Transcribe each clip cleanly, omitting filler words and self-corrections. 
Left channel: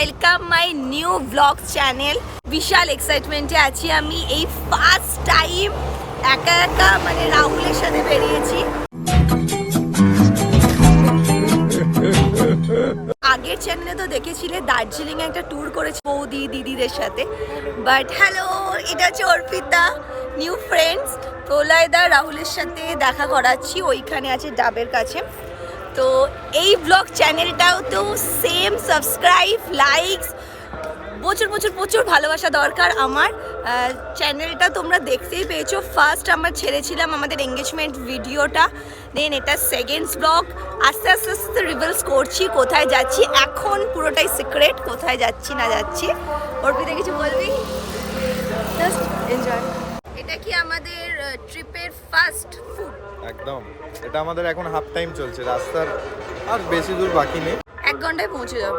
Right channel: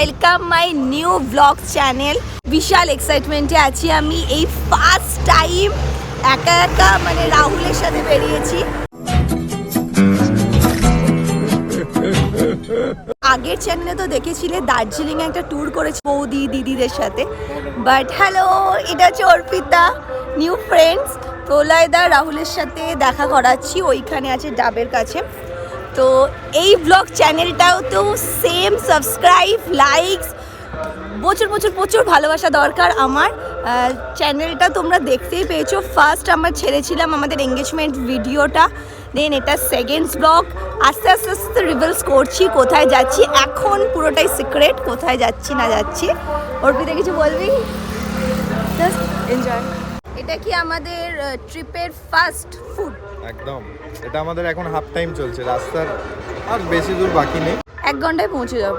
Welcome my new blog channel. বিশাল এক্সাইটমেন্টে আছি আমি। এই ফার্স্ট টাইম একা একা মানে রাহুলের সাথে বেরিয়েছি। আগের চ্যানেলে তো দেখেছিলে দার্জিলিং এ একটা ট্যুর করেছি বৌদি দিদিদের সাথে। বাট হ্যালো, এটা হচ্ছে অর্পিতা, নিউ ফ্রেন্ডস। প্রলয়দা রাহুলের সাথে দেখা করাচ্ছি, ওইখানে আছে ডাবের কাছে। তো এই ব্লগ চ্যানেলটাও তো সেম সাবস্ক্রাইব, লাইকস, প্রচুর প্রচুর প্রচুর ভালোবাসা দরকার। আমার চ্যানেলটা তোমরা দেখতেই পেয়েছো। ফার্স্ট আমরা ছেড়েছিলাম আমাদের এঙ্গেজমেন্ট ভিডিওটা, দেন এটা সেকেন্ড ব্লগ। আস্তে আস্তে আস্তে রিভিলস করছি কোথায় যাচ্ছি। এখন পুরোটাই সিক্রেট, কোথায় যাচ্ছি না যাচ্ছি। অর্পিতা কিছু বলবি? Just enjoy. এটা কি আমাদের ট্রিপের ফার্স্ট ফুড? একদম। এটা আমাদের এখন হাফ টাইম চলছে, রাস্তার আর বেশি দূর বাকি নেই, 1 ঘন্টায় পৌঁছে যাব।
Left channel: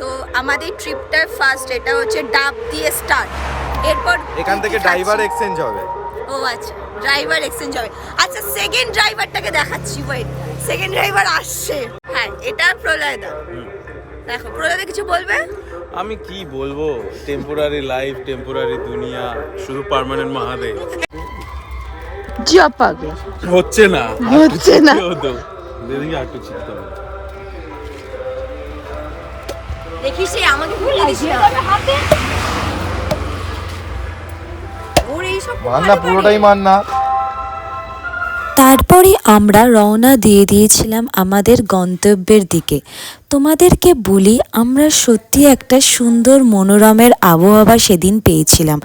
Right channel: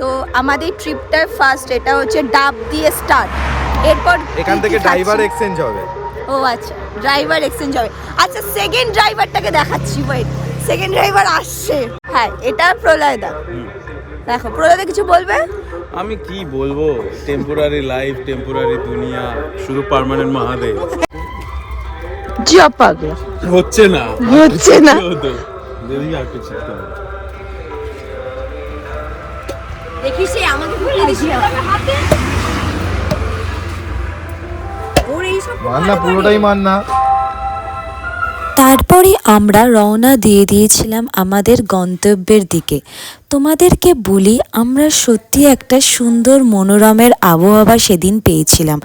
তো আমাদের ট্রিপটার ফার্স্ট এটা হচ্ছে ডাব দিয়ে স্টার্ট। এরপর এখান থেকে ড্রাইভার এক্সচেঞ্জ হবে। ও আচ্ছা, ড্রাইভার এক্সচেঞ্জ হবে। আচ্ছা, সেকেন্ড ড্রাইভারটাকে দেখাচ্ছি। ওয়েট, সেকেন্ড ড্রাইভার আসছে। হ্যাঁ, এটা প্রলয়দা। দেখো, প্রলয়দা কিছু বলবে? আমি কি বলবো, টেম্পোরারি লাইফ, টেম্পোরারি দুনিয়া, শুধু পার্মানেন্ট মহাদেব। জিয়া পাগলা হচ্ছে না, হচ্ছে না। দেখি একটু চিন্তা হবে। দেখিস আমাকে ভুলিয়ে দিস না। ওর এই সব মান্না পুরোটাই মান্না। তারপরে আমরা রওনা দিয়ে দিয়েছিলাম আমাদের গন্তব্যের দিকে। তোমাদেরকে বলি, আমরা সত্যি একটা সুন্দর মনোরমের আবহাওয়া সেদিন পেয়েছিলাম,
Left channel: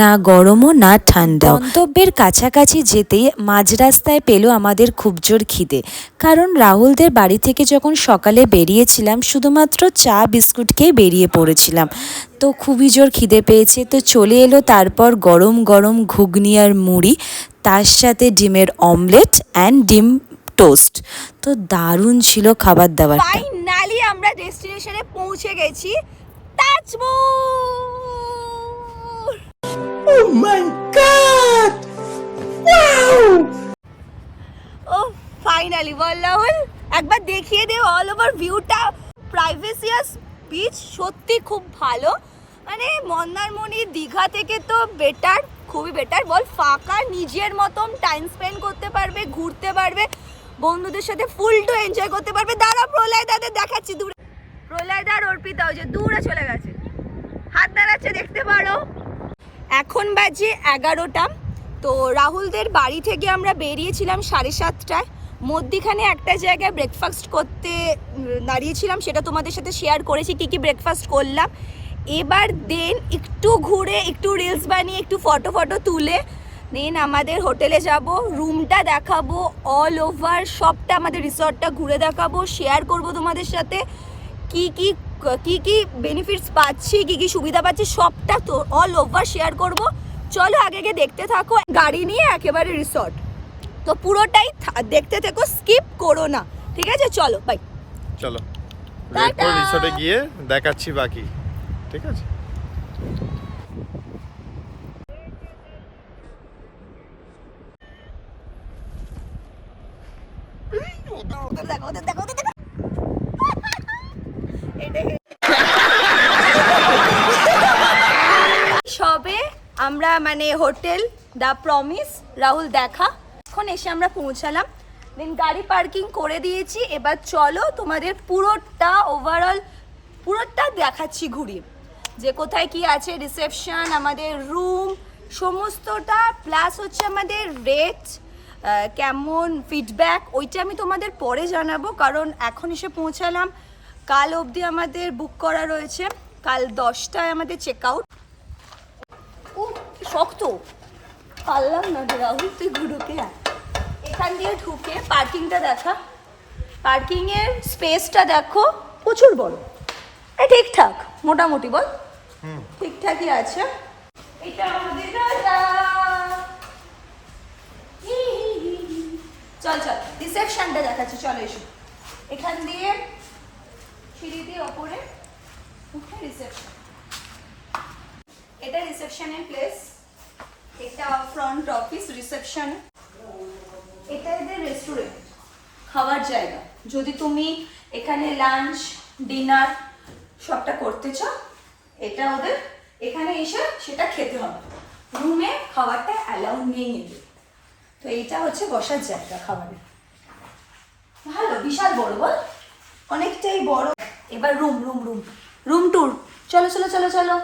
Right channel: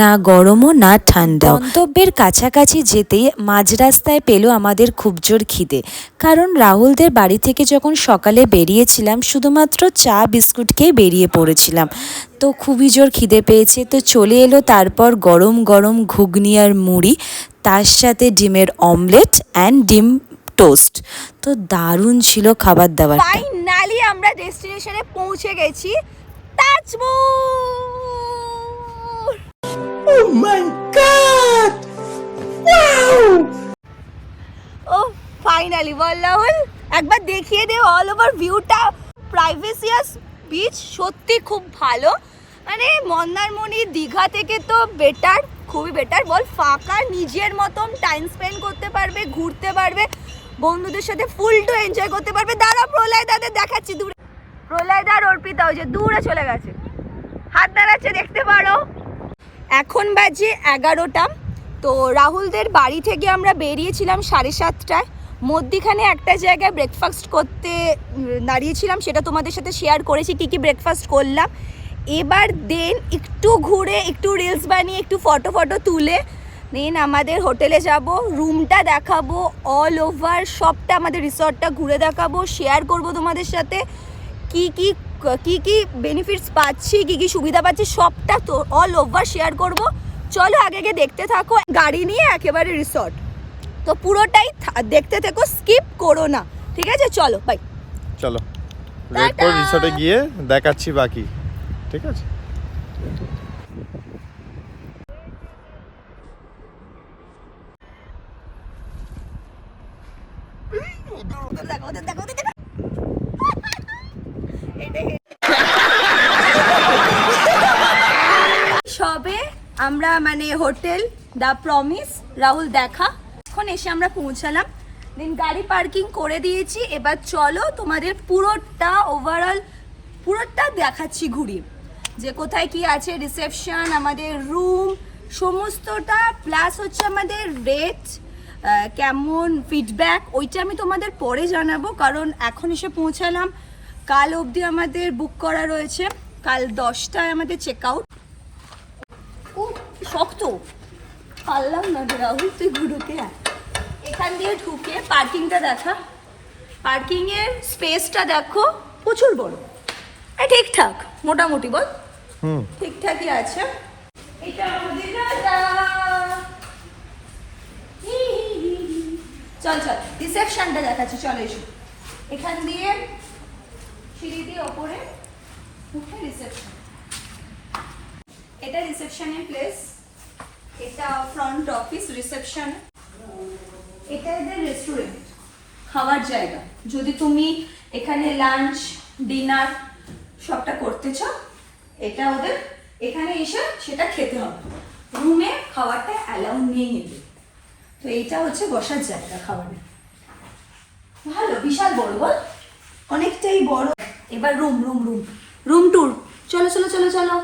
না গরমও না ঠান্ডাও। গন্তব্যের কাছাকাছি যেতেই মাঝ রাস্তায় পেল আমাদের খুব জোর খিদে, কারণ রাহুলদের বাড়ি থেকে যখন সকালে বেরিয়েছিলাম শুধুমাত্র চা বিস্কুট খেয়ে বেরিয়ে পড়েছিলাম। তো খুবই জোর খিদে পেয়েছে, তো চলে এলো তারপর গরম গরম ঘুগনি আর মুড়ি, তার সাথে ডিমের অমলেট অ্যান্ড ডিম টোস্ট। তো দারুণ ছিল খাবার দাবারটা। ফাইনালি আমরা ডেস্টিনেশনে পৌঁছে গেছি, তাজমহল। ও মাই গড, ওয়াও! ও ফাইনালি বল রাহুল, একবার দেখিয়ে দে অল ওভার ভিউটা। প্রাইভেসিয়াস বিচ সত্যি খুব ভালো, মানে মন্দারমণি দীঘা থেকে তো বেটার, খুবই বেটার। বল, ফাঁকা, নিজের মতন টাইম স্পেন্ড করতে পারবে, ঘুরতে পারবে, বন্ধুদের সাথে ফুল টু এনজয় করতে পারবে। দাঁড়া, প্রলয় দাদের দেখাচ্ছি দূরে। প্রলয় দার অর্পিতা ওই যে দূরে চলে গেছে, হাত দাঁড়াচ্ছে, দেখতে পারো। এখন বাজে 11টা। তো রাহুলদের বাড়ি থেকে আমরা বেরিয়েছিলাম 7:30টায়। মধ্যিখানে একটা জায়গায় ব্রেকফাস্ট করতে দাঁড়িয়েছিলাম, সেটা তোমাদের সাথে শেয়ার করেছি কি কি ব্রেকফাস্ট করলাম। এবার দেন একটু ঘুরে, একটু রিলস বানিয়ে, একটু ফটো তুলে দেন আমাদের হোটেলে যাব। রুমটা দেখাবো, অল ওভার সবটা আমাদের রিসর্টটা ঘুরে দেখাবো, শেয়ার করব তোমাদের সাথে কি কি বেনিফিটস পাচ্ছি, কি কি সুবিধা পাচ্ছি, সবটা তো অল ওভার শেয়ার করব। চলো আগে দেখতে থাকো, গাড়ি নিয়ে একেবারে রিসর্ট। তো পুরোটাই দেখতে থেকো, স্কিপ করো না, ঠিক আছে? চলো বাই। চলো রেড কোর রিসর্টে গিয়ে দেখাচ্ছি বাকি, ঠিক আছে? সবে আমরা মানে হোটেল দ্য প্রমিস রাহুল দেখা, এখন এসে আমরা পৌঁছালাম। দেন গাড়ি পার্কিং করে দিয়েছি। এবার চলো তোমাদের পুরোটা ওভারঅল পুরোটা দেখাচ্ছি ঘুরি, যে কোথায় কি আছে, রিসেপশন, আমাদের রুম সমস্তটা, প্লাস হচ্ছে আমাদের রেট, কেমন ফিডব্যাক, ওইটা আমি তোমাদের পরে জানাবো, কারণ এখন এসে পৌঁছালাম। কাল অবধি আমাদের বুক করা রয়েছে, কাল 10টায় আমাদের চেক আউট। ও শক্ত, পারলাম না রাহুল, তুই ঢুকে আয়। এখান দিয়ে ঢুকে পার্কিংটা দেখা, পার্কিংয়ের স্পেসটা দেখো, প্রচুর বড়। ঠিকঠাক মোটামুটি, বল ঠিকঠাকই আছে। এটা আমাদের চল রিসেপশনটা দেখাচ্ছি, চল এসো। এখান দিয়ে সিঁড়ি দিয়ে ওপরে উঠে রিসেপশন, এটা রিসেপশনের প্লেস, এটা ফ্রন্ট অফিস রিসেপশন, এটা এদের রেস্টুরেন্ট, খাওয়ার জায়গা। যদি তুমি এখানে লাঞ্চ, ডিনার সবটা করতেছ, এটা ওদের এখানে এসে সেটা খেতে হবে, রুমে খাবারটা অ্যালাউ নেই নেবে। তো এইটা হচ্ছে বসার জায়গা খাবারে, ভালো বিশাল বড় বল, অনেকটাই বড়। এবার room room room room tour, চলো চলো চলো চলো।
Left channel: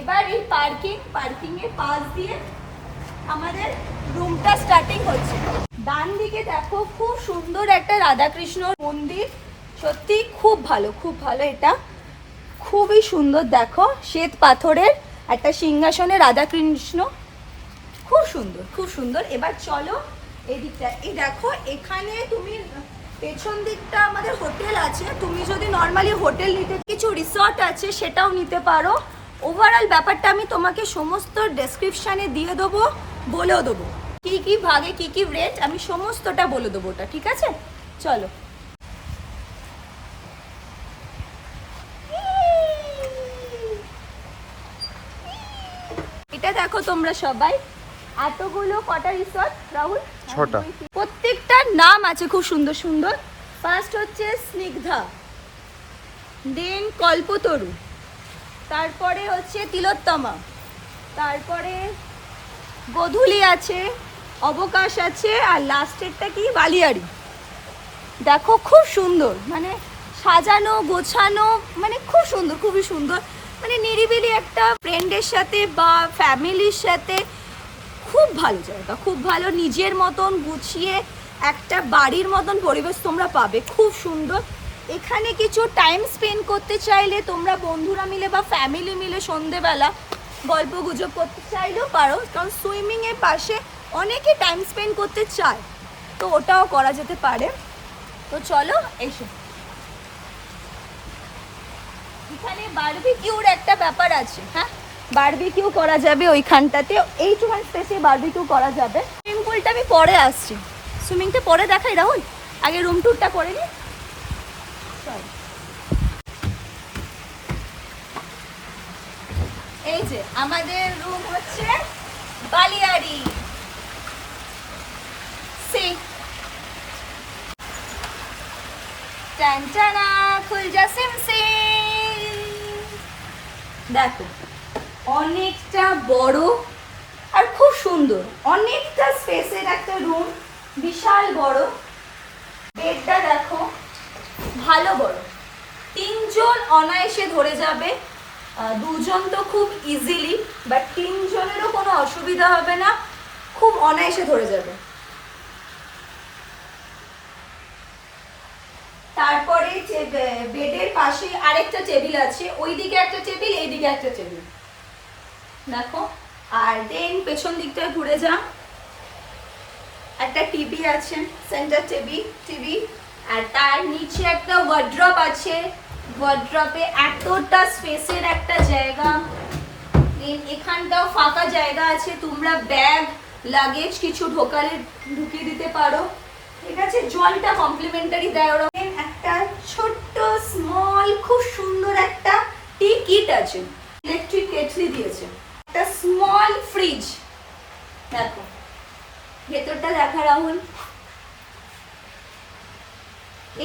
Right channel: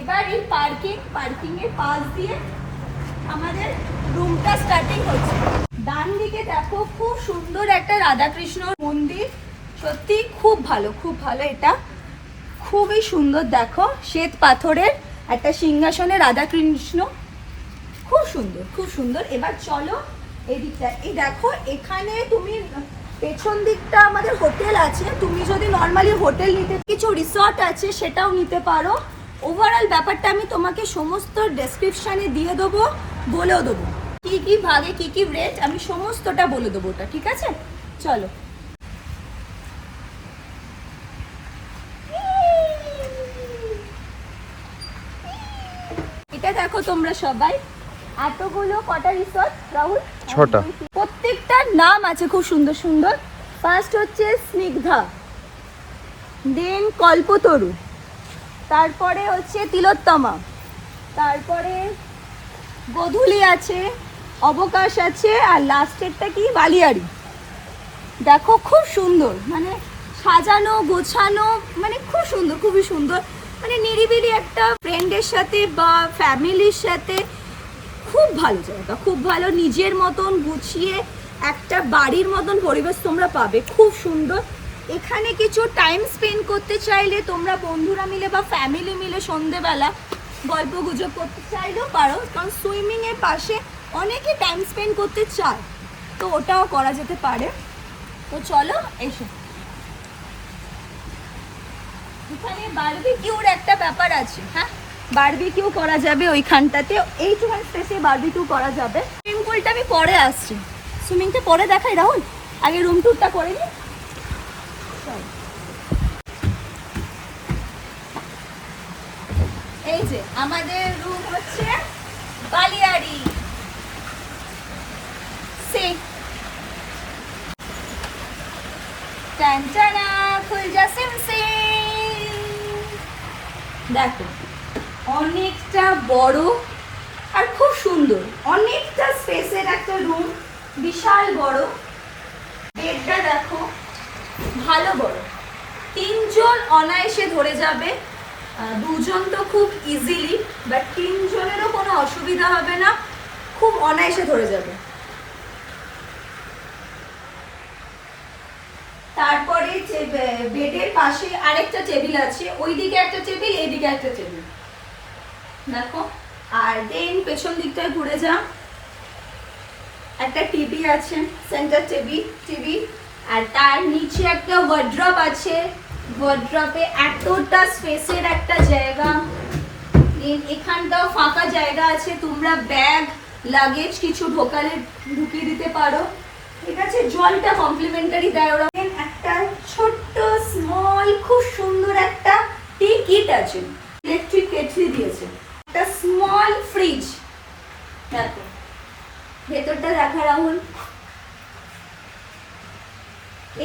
এবার এই পার্কিং এর পাশ দিয়ে আমাদের রুমটা স্টার্টিং হচ্ছে। ডান দিকে দেখো খুব সুন্দর একটা রাধাকৃষ্ণ মন্দির, সত্যি খুব ভালো এটা খুবই সুন্দর। দেখো শ্বেত পাথরের একটা সিংহাসনে রাধাকৃষ্ণ, খুব সুন্দর। এবার চলো এদিকটা, এই দেখো এখানে তুমি পেছন দিকটা আমাদের হোটেল আছে, তুমি যদি নর্মালি হোটেল নিতে, কিছু রিসর্ট আছে সেটাও নিতে পারো। ওভারঅল ব্যাপারটা আমি তোমাকে সমস্ত ডেসক্রিপশানে দিয়ে দেবো, বলেও দেবো কি কি ভাগে কি কি রেট, আমি সমস্তটা বলে দেবো ওটা, ঠিক আছে? চলো। এটা দেখো তোমরা সবাই, এতগুলো কটা রিসর্ট রাহুল? 6টা। প্রত্যেকটার নাম আছে খুব সুন্দর সুন্দর। ফার্স্ট হচ্ছে স্নিগ্ধা, দেন কল্পতরু, তারপরে হচ্ছে তিলোত্তমা, তারপরে গোধূলি আছে, অবকাশ আছে, আর লাস্টেরটা কি বালিয়াড়ি। দেখো খুব সুন্দর, মানে সাজানো গোছানো, মানে খুব সুন্দর, খুবই সুন্দর, মানে নিরিবিলি একটা ফ্রেন্ডের সাথে বা ফ্যামিলির সাথে খুব ভালো জায়গা, খুব ভালো, নিজের মতন গুছিয়ে একটা বাড়ির মতন পরিবেশ তোমরা পাবে, খুব সুন্দর। এখানে কিছু টাইম স্পেন্ড করতে চাইলে তোমরা বন্ধুরা মিলে বা ফ্যামিলি মিলে সন্ধেবেলা গল্প গুজব করতে চাইলেও পারো, কারণ সুইমিং এর পাশে অনেকে টাইম স্পেন্ড করতে চায়, তো ওটাও করা যেতে পারে। তো চলো এসো। এখানে বারবিকিউর একটা ব্যাপার আছে, হ্যাঁ বারবিকিউ করা যাবে ওইখানটাতে, এইটুখান স্পেসে বারবিকিউ করা যাবে। সুইমিং পুলটা আমি পরে আসছি, সুইমিংটা পরে দেখাই রাহুল, আগে রুম ট্যুরটা করে নি। এই যে আমাদের রুম হচ্ছে বালিয়াড়ি, টানটানা খুল যা সিম সিম। দেখো অনেকটা বড় আর খুব সুন্দর, অনেকটা স্পেসের একটা রুম, বিশাল বড়। বেডটা দেখো ভালো বড়, 3 জন অনায়াসে ধরে যাবে, 2 জন তো খুব ইজিলি, বাট 3 জনেরও কোনো অসুবিধা হবে না, খুব অনায়াসে ধরে যাবে। তারপরে বেডের পাশে আরেকটা টেবিল আছে, ওইদিকে একটা টেবিল, এইদিকে একটা টেবিল দেখো। আর দেন পেছন দিকটায় ঘুরে যা, একটা টিভি আছে, সেন্টার টিভি, আর তার নিচে একটা ওয়ার্ড্রপ আছে, ওয়ার্ড্রপে এতটা স্পেসের একটা জায়গা। এখানটাও ফাঁকা জায়গা আছে, তোমরা ব্যাগ লাগেজ কিছু ঢুকিয়ে দিতে পারো, ঠিক আছে? জলটা কমপ্লিমেন্টারি দেয় ওরা। একটা ছোট্ট স্মল খুব সুন্দর একটা টি কিট আছে, ইলেকট্রিক কেটলি দিয়েছে, একটা স্মল ফ্রিজ দেখো, ভেতরটা দেখা রাহুল,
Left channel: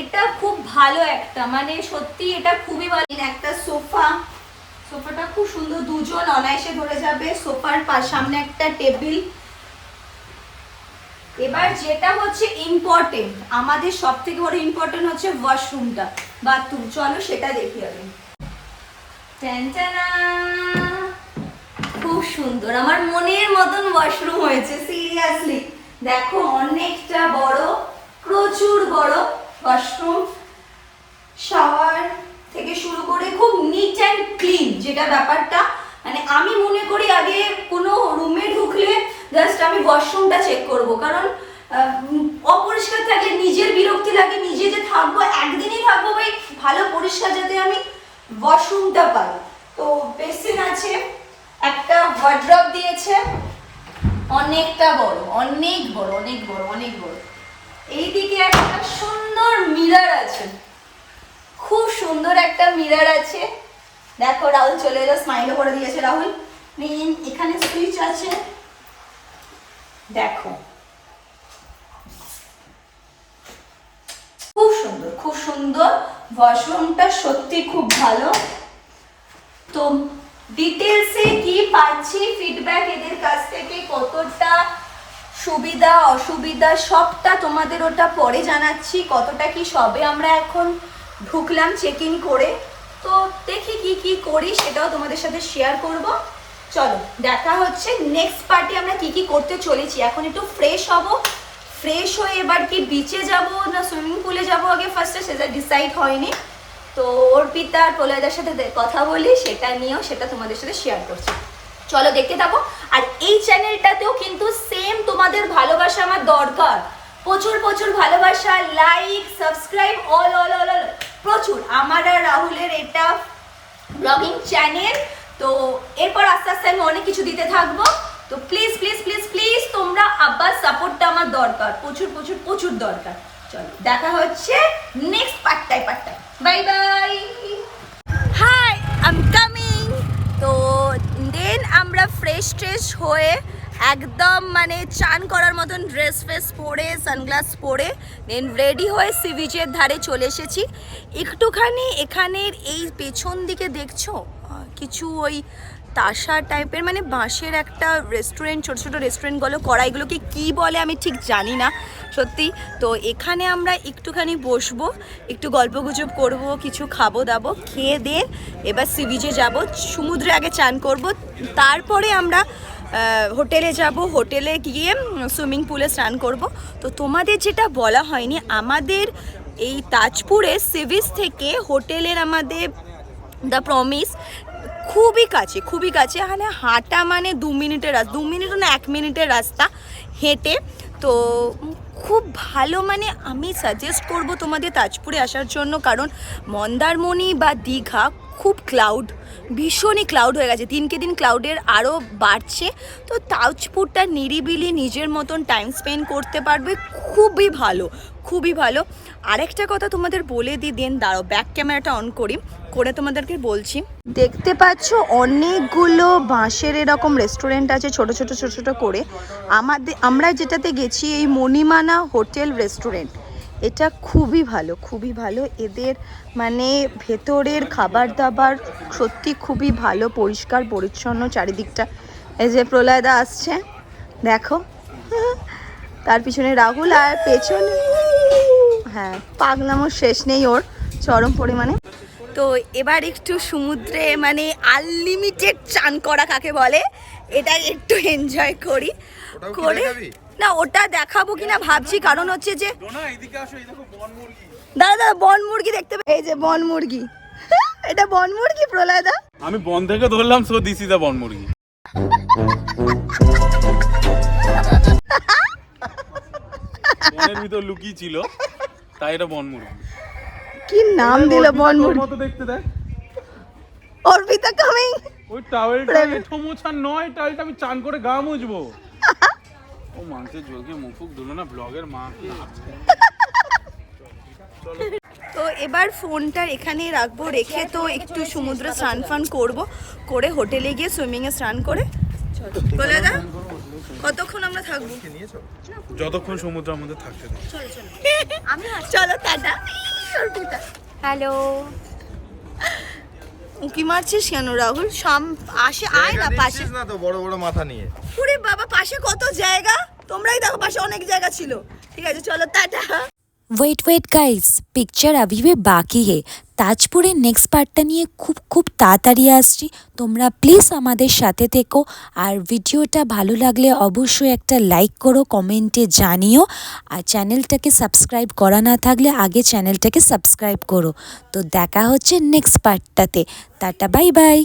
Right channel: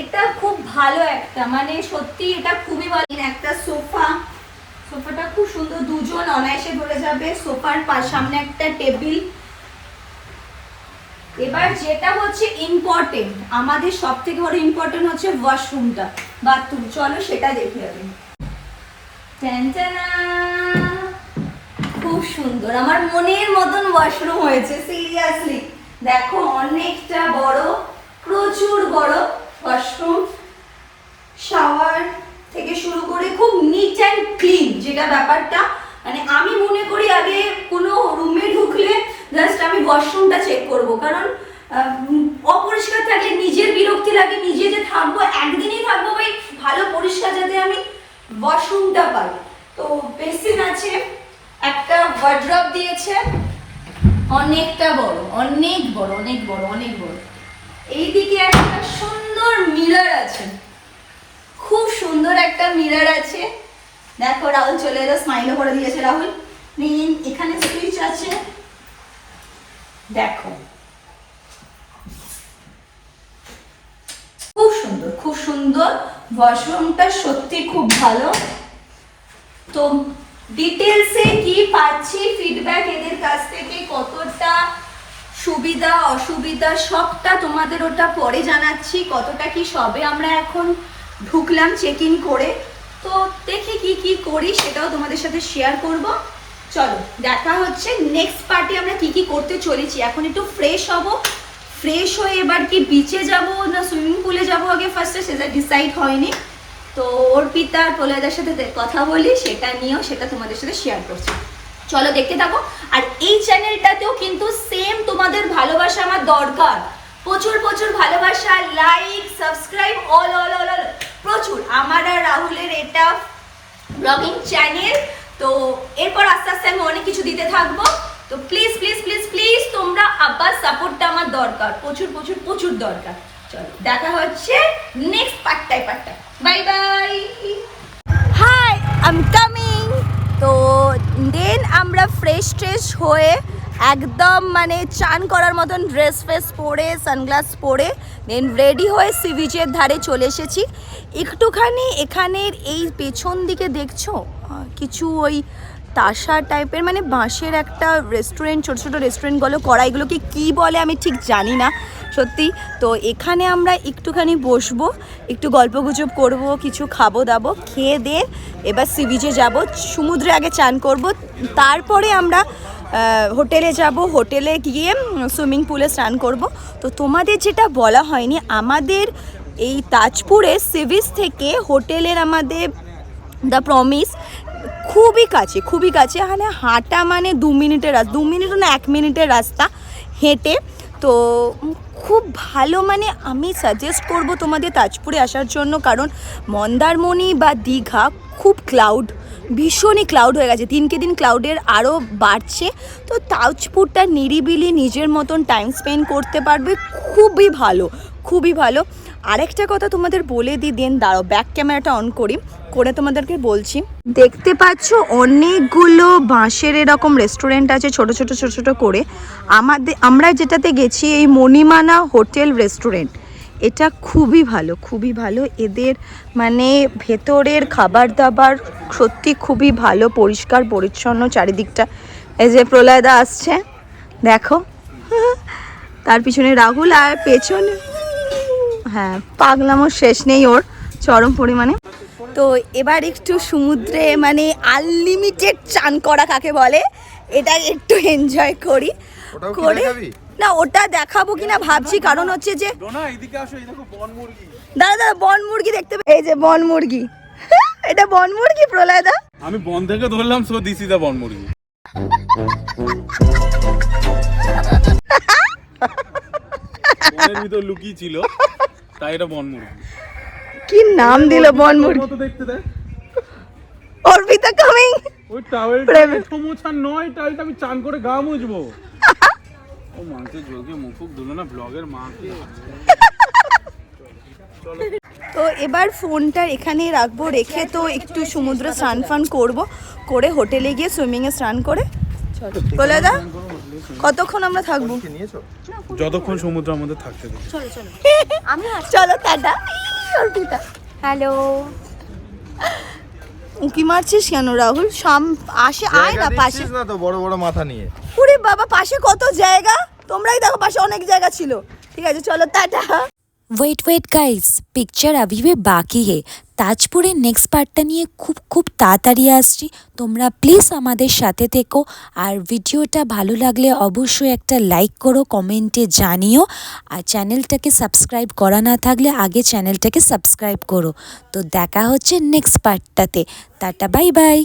এটা খুব ভালো একটা, মানে সত্যি এটা খুবই ভালো। একটা সোফাটা খুব সুন্দর, 2 জন অনায়াসে ধরে যাবে, সোফার সামনে একটা টেবিল। এবার যেটা হচ্ছে ইম্পর্টেন্ট, আমাদের সব থেকে বড় ইম্পর্টেন্ট হচ্ছে ওয়াশরুমটা, বাথরুম, চলো সেটা দেখে যাবে। খুব সুন্দর, আমার মনের মতন ওয়াশরুম হয়েছে, সিরিয়াসলি দেখো অনেকটা বড়, প্রচুর বড় ওয়াশরুম, শাওয়ার থেকে শুরু করে খুব নিট অ্যান্ড ক্লিন, যেটা ব্যাপারটা মানে আমি মনে করি আগে কোনো রুমে ঢুকলে জাস্ট আমি ওয়াশরুমটা চেক করব, কারণ অপরিষ্কার থাকলে নিজের বিরক্তি লাগে, নিজে যে থাকবো একদিনই থাকবো, ভাই ভালো পরিষ্কার যাতে আমি ওয়াশরুমটা পাই। তো বেসিন আছে, একটা ওয়ার্ড্রপ দিয়েছে, অনেকটা বড়, অনেক বড়, অনেক বড়, অনেক বড়। এইদিকে একটা সুন্দর মিরর আছে, খুব সুন্দর একটা মিরর আছে, দেখো রাহুল চলে এলো, স্মাইলও করে দিয়েছে রাহুল। মেন এখানে সুইচ আছে, দেখো খুব সুন্দর, খুব সুন্দর, ওয়াশরুমটা সত্যি খুব ভালো। তো ডিটেলসে কি পাচ্ছি ফিডব্যাক এদের কাছ থেকে, কতটা সুবিধা অসুবিধা সবটা তোমাদের ওটা পরে জানাচ্ছি, কতটা কি সবে আমরা এখন ঢুকলাম চেক ইন করে। তো দেখি কি কি করি সেটাও তোমাদের সাথে শেয়ার করব। চলো দেখা হচ্ছে নেক্সট পার্টি আমরা কি কি করতে চলেছি। এখন একটু ফ্রেশ হব, ফ্রেশ হয়ে এবার কি বিচে যাব না সুইমিং পুলে যাব আগে ফার্স্টে সেটা ডিসাইড হয়নি। তো অর্পিতা আর প্রলয়দার সাথে কথা বলি, সেটা নিয়েও সেটা তোমাদের সাথে শেয়ার করছি। চলো দেখতে থাকো। আর এই চ্যানেলটাতেও কিন্তু সেম তোমাদের ভালোবাসা আমার দরকার, প্রচুর প্রচুর ভালোবাসা, like subscribe all all all all প্রচুর। আমার আর রাহুলের এটা ব্লগিং চ্যানেল, তো এরপর আস্তে আস্তে আমি অনেক কিছু দিতে থাকবো। তো প্লিজ প্লিজ প্লিজ প্লিজ তোমরা আবার সাপোর্টটা আমার দরকার, প্রচুর প্রচুর প্রচুর দরকার। চলো দেখা হচ্ছে নেক্সট পার্টটায়। Bye bye. Hi I am coming. তো দেন আমরা ফ্রেশ ট্রেশ হয়ে একদম মানে চান করার মতন ড্রেস ফ্রেস পরে সানগ্লাস পরে দেন রেডি হয়ে সি বিচের ধারে চলে এসেছি। একটুখানি এখানের এই পেছন দিকে দেখছো কিছু ওই তাসা টাইপের মানে বাঁশের একটা রেস্টুরেন্ট, ছোটো ছোটো রেস্টুরেন্টগুলো করা, এগুলোকে কী বলে আমি ঠিক জানি না সত্যি। তো এখানে আমরা একটুখানি বসবো, একটু গল্পগুজব করব, কিছু খাবো দাবো, খেয়ে দিয়ে এবার সি বিচে যাবো, সমুদ্রে আগে চান করব, তারপরে আমরা হোটেলে যাব, হোটেলে গিয়ে সুইমিং পুলে স্নান করব। তো তোমাদের যেটা বলা হয়নি, আমাদের এই তাজপুরে সি বিচ থেকে হোটেলের আমাদের দ্য প্রমিস খুবই কাছে, খুবই কাছে। এখানে হাঁটা মানে 2 মিনিটের রাস্তা, 2 মিনিট না 1 মিনিটের রাস্তা হেঁটে। তো খুব ভালো, মানে আমি সাজেস্ট করব তোমাদের তাজপুরে আসার জন্য, কারণ মন্দারমণি বা দীঘা খুব ক্লাউড, ভীষণই ক্লাউড হয়ে গেছে, দিনকে দিন ক্লাউডের আরও বাড়ছে। তো তাজপুরটা নিরিবিলি নিজের মতন টাইম স্পেন্ড করতে পারবে, খুবই ভালো, খুবই ভালো। আরেকটা কথা তোমাদের বলে দিই, দেন দাঁড়াও ব্যাক ক্যামেরাটা অন করি, করে তোমাদেরকে বলছি। দেখতে পাচ্ছ অনেকগুলো বাঁশের এরকম রেস্টুরেন্ট আছে ছোট ছোট ছোট ছোট করে। আমরা যেটাতে গেছি এই মণিমানা হোটেল রেস্টুরেন্ট, এটা খুবই ভালো, খুবই ভালো। এদের মানে ভেতরের খাবার দাবার সত্যি খুবই ভালো, পরিষ্কার পরিচ্ছন্ন চারিদিকটা। এই যে প্রলয়দা আসছে দেখো, তার পিছনে রাহুল, আর পেছনে হ্যাঁ পাগলামোর শেষ নেই ওর চরম পরিমাণে। তো এবার একটু সমুদ্রে মানে আনলিমিটেড চান করা কাকে বলে, এটা একটু এনজয় করি করে। না ওটা দেখাবো কিনা ভাবছি, কারণ হচ্ছে যে দাদা দাদা বন মুরগি দেখতে, এই যে বন মুরগি, এটা বন মুরগি প্রলয়দা, আমি বন থেকে ধরলাম, সো দিস ইজ দা বন মুরগি। বনের ভিতর লুকিয়ে ছিল, তাই এটা বন মুরগি। কি নাম দিল বন মুরগি, মতো দেখতে দেখ। অর্পিতা কামিং। ওই টাওয়েলটা এঠো মোছা নয়, টাওয়েলটা আমি চান করে গা মুছবো। ও মাংসের জলকে মুখুক ধুলো না ব্লগের মাকে। তো এবার ফোনটা এখানে রাখবো, রেখে তো একটু সমুদ্রে স্নান ফান করবো, করে হোটেলে গিয়ে সুইমিংয়ে স্নান করে বলে দা কতক্ষণ আমরা থাকবো, যতক্ষণ সমুদ্রের মধ্যে থাকতে দেবে। চলো টাটা। হ্যালো, উঁকি মারছিস কেন রাহুল? আসে আয় না পাশে, না তো বড় বড় মাথা নিয়ে। ওরে বাবা পাশে কত জায়গা, তোমরাই দেখো পাশে অনেক জায়গা ছিল। ঠিক আছে চলো টাটা। वेट गाइस, पिक्चर अभी भी बाकी है। তাজপুরের নেক্সট পার্টটা নিয়ে খুব তাড়াতাড়ি আসছি, তোমরা প্লিজ আমাদের সাথে থেকো। আর ভিডিওটা ভালো লাগলে অবশ্যই একটা লাইক করো, কমেন্টে জানিও। আর চ্যানেলটাকে সাবস্ক্রাইব করা না থাকলে আগে চ্যানেলটাকে সাবস্ক্রাইব করো। তো দেখা হচ্ছে নেক্সট পার্টটাতে। Tata bye by.